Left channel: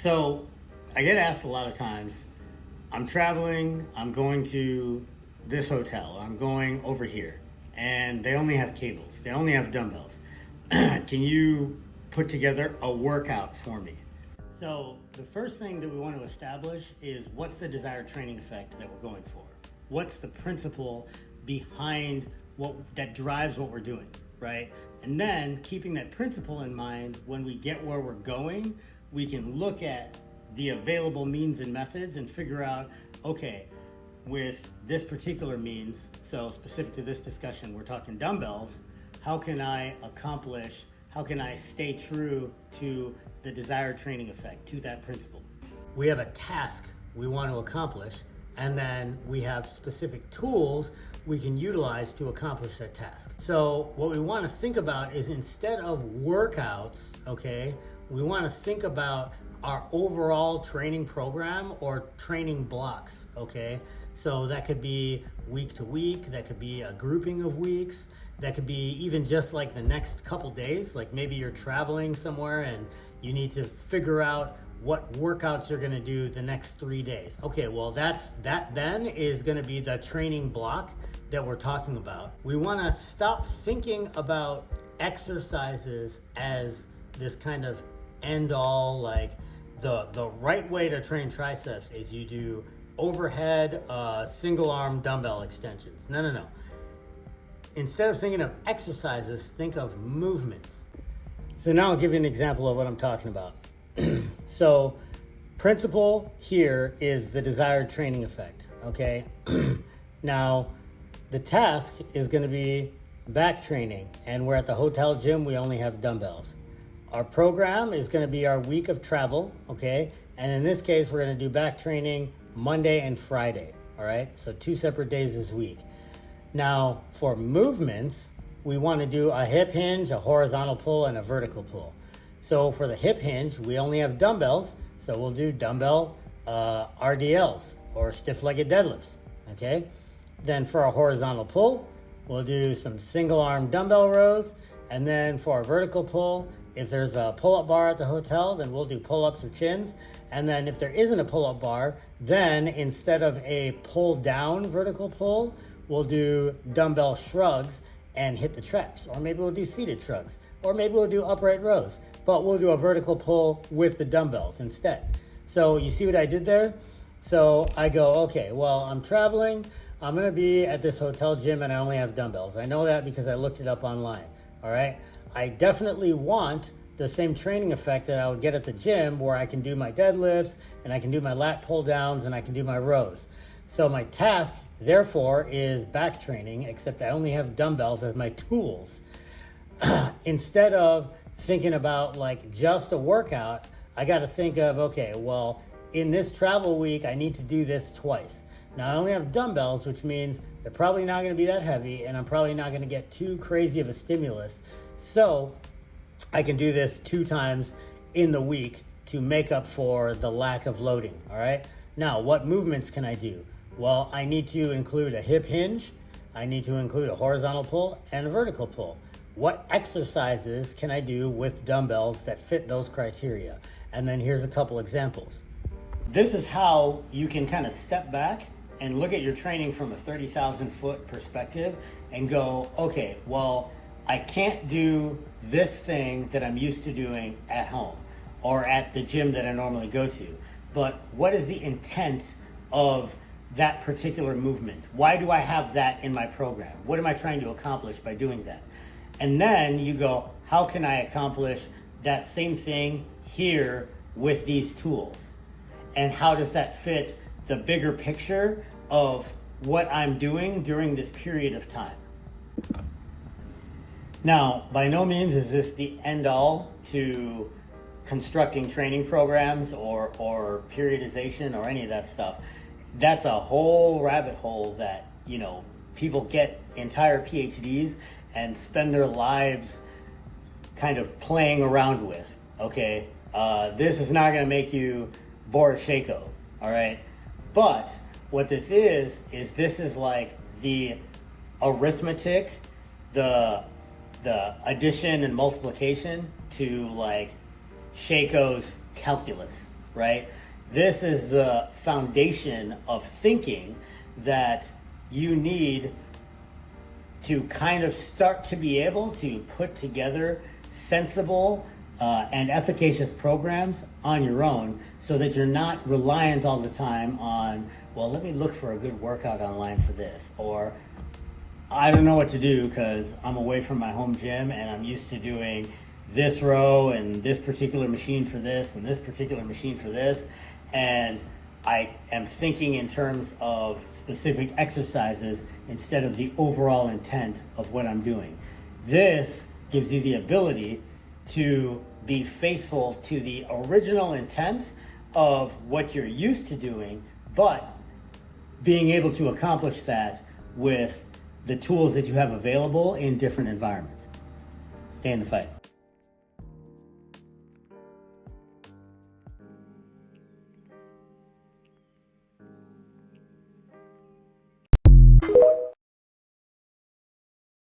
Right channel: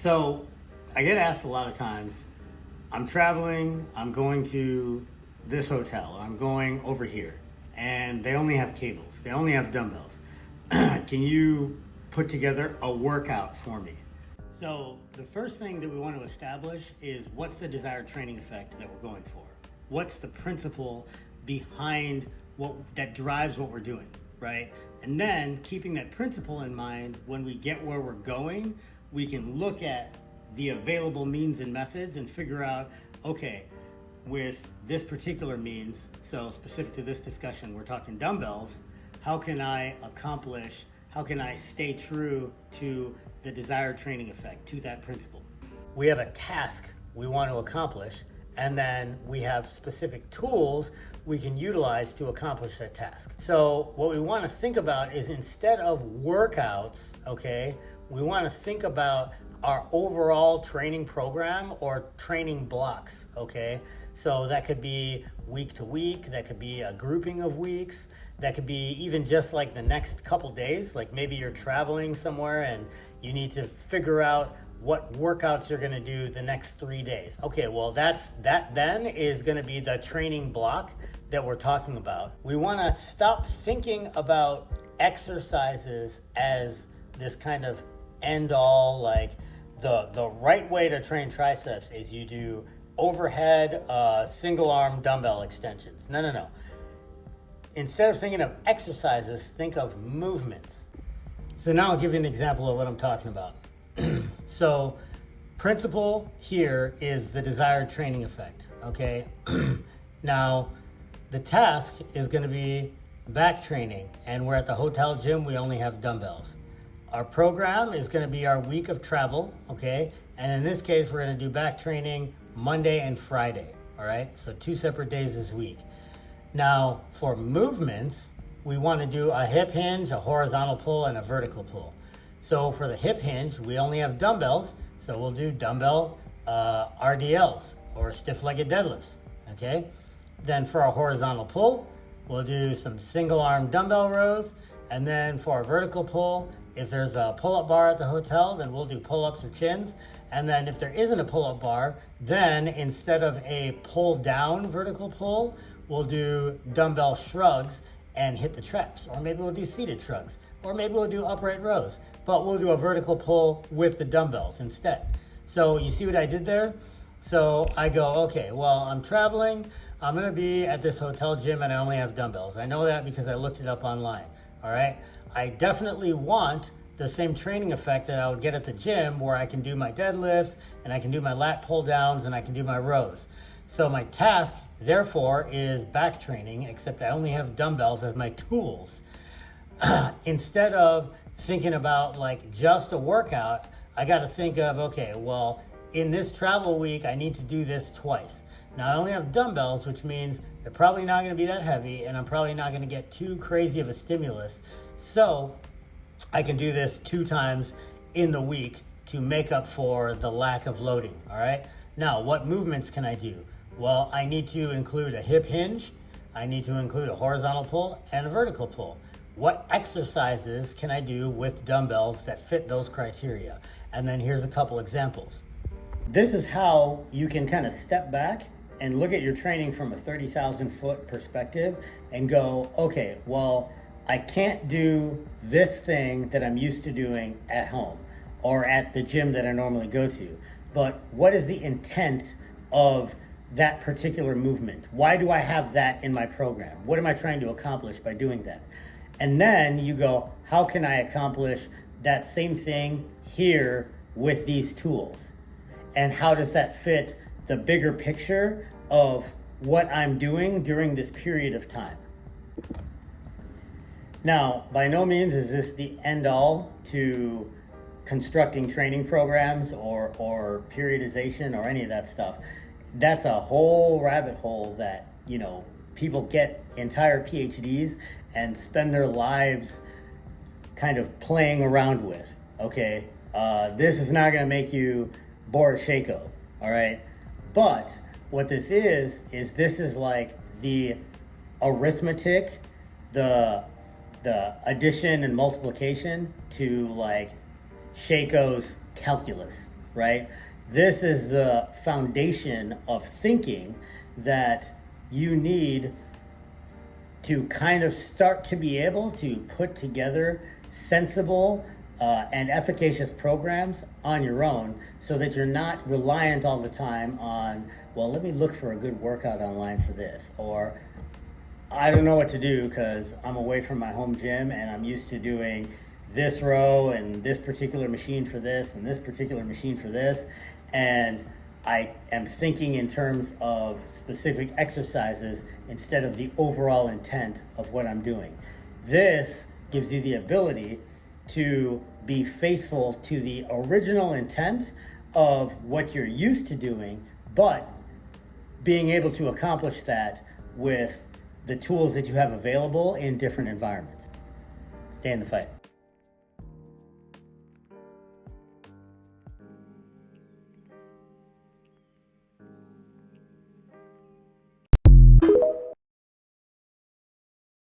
So I get asked a lot of times, I'm traveling, I'm going to this hotel, I'm going over here, and they only have cables, they only have dumbbells. Can you put together a workout for me? So the first thing that we want to establish is what's the desired training effect that we're going for? What's the principle behind what that drives what we're doing, right? And then keeping that principle in mind, when we get where we're going, we can look at the available means and methods and figure out, okay, with this particular means, so specific to this discussion, we're talking dumbbells, how can I stay true to the desired training effect, to that principle? We have a task we want to accomplish, and then we have specific tools we can utilize to accomplish that task. So what we want to think about is, instead of workouts, okay, we want to think about our overall training program or training blocks, okay? So that could be week to week, that could be a grouping of weeks, that could be even just like the next couple days, like maybe you're traveling somewhere and you need to figure out what workouts you're gonna do the next 3 days. Okay, well that then is gonna be the training block that we're talking about. We wanna stop thinking about exercises as this kind of end all, like the right way to train triceps is you do overhead single arm dumbbell extensions. No. Instead of thinking of exercises, think of movements. So now I'll give you an example of what I'm talking about. So principle here is the desired training effect, okay? Now the task is going to be back training, and we're at the hotel gym, we only have dumbbells. Our program is going to be our week of travel, okay? And in this case, we're going to do back training Monday and Friday, all right? So 2 separate days this week. Now, for movements, we want to do a hip hinge, a horizontal pull, and a vertical pull. So for the hip hinge, we only have dumbbells, so we'll do dumbbell RDLs, or stiff-legged deadlifts, okay? Then for a horizontal pull, we'll do some single arm dumbbell rows, and then for our vertical pull, if there's a pull-up bar at the hotel, then we'll do pull-ups or chins. And then if there isn't a pull-up bar, then instead of a pull-down vertical pull, we'll do dumbbell shrugs and hit the traps. Or maybe we'll do seated shrugs. Or maybe we'll do upright rows. But we'll do a vertical pull with the dumbbells instead. So you see what I did there? So I go, okay, well, I'm traveling. I'm gonna be at this hotel gym and I only have dumbbells. I know that because I looked it up online, all right? I definitely want the same training effect that I would get at the gym, where I can do my deadlifts and I can do my lat pull downs and I can do my rows. So my task, therefore, is back training, except I only have dumbbells as my tools. Instead of thinking about like just a workout, I got to think of, okay, well, in this travel week, I need to do this twice. Now I only have dumbbells, which means they're probably not going to be that heavy, and I'm probably not going to get too crazy of a stimulus. So I can do this 2 times in the week to make up for the lack of loading, all right? Now, what movements can I do? Well, I need to include a hip hinge, I need to include a horizontal pull, and a vertical pull. What exercises can I do with dumbbells that fit those criteria? And then here's a couple examples. This is how you can kind of step back and look at your training from a 30,000 foot perspective and go, okay, well, I can't do this thing that I'm used to doing at home or at the gym that I normally go to. But what is the intent of that particular movement? Why do I have that in my program? What am I trying to accomplish by doing that? And then you go, how can I accomplish that same thing here with these tools? And how does that fit the bigger picture of what I'm doing during this period of time? Now, by no means is this the end all to constructing training programs or periodization or any of that stuff. That's a whole rabbit hole that, you know, people get entire PhDs and spend their lives kind of playing around with, okay? This is not gonna make you Boris Shaiko, all right? But what this is this is like the arithmetic, the addition and multiplication to like Shaiko's calculus, right? This is the foundation of thinking that you need to kind of start to be able to put together sensible and efficacious programs on your own, so that you're not reliant all the time on, well, let me look for a good workout online for this, or I don't know what to do because I'm away from my home gym and I'm used to doing this row and this particular machine for this and this particular machine for this, and I am thinking in terms of specific exercises instead of the overall intent of what I'm doing. This gives you the ability to be faithful to the original intent of what you're used to doing, but being able to accomplish that with the tools that you have available in different environments. Stay in the fight.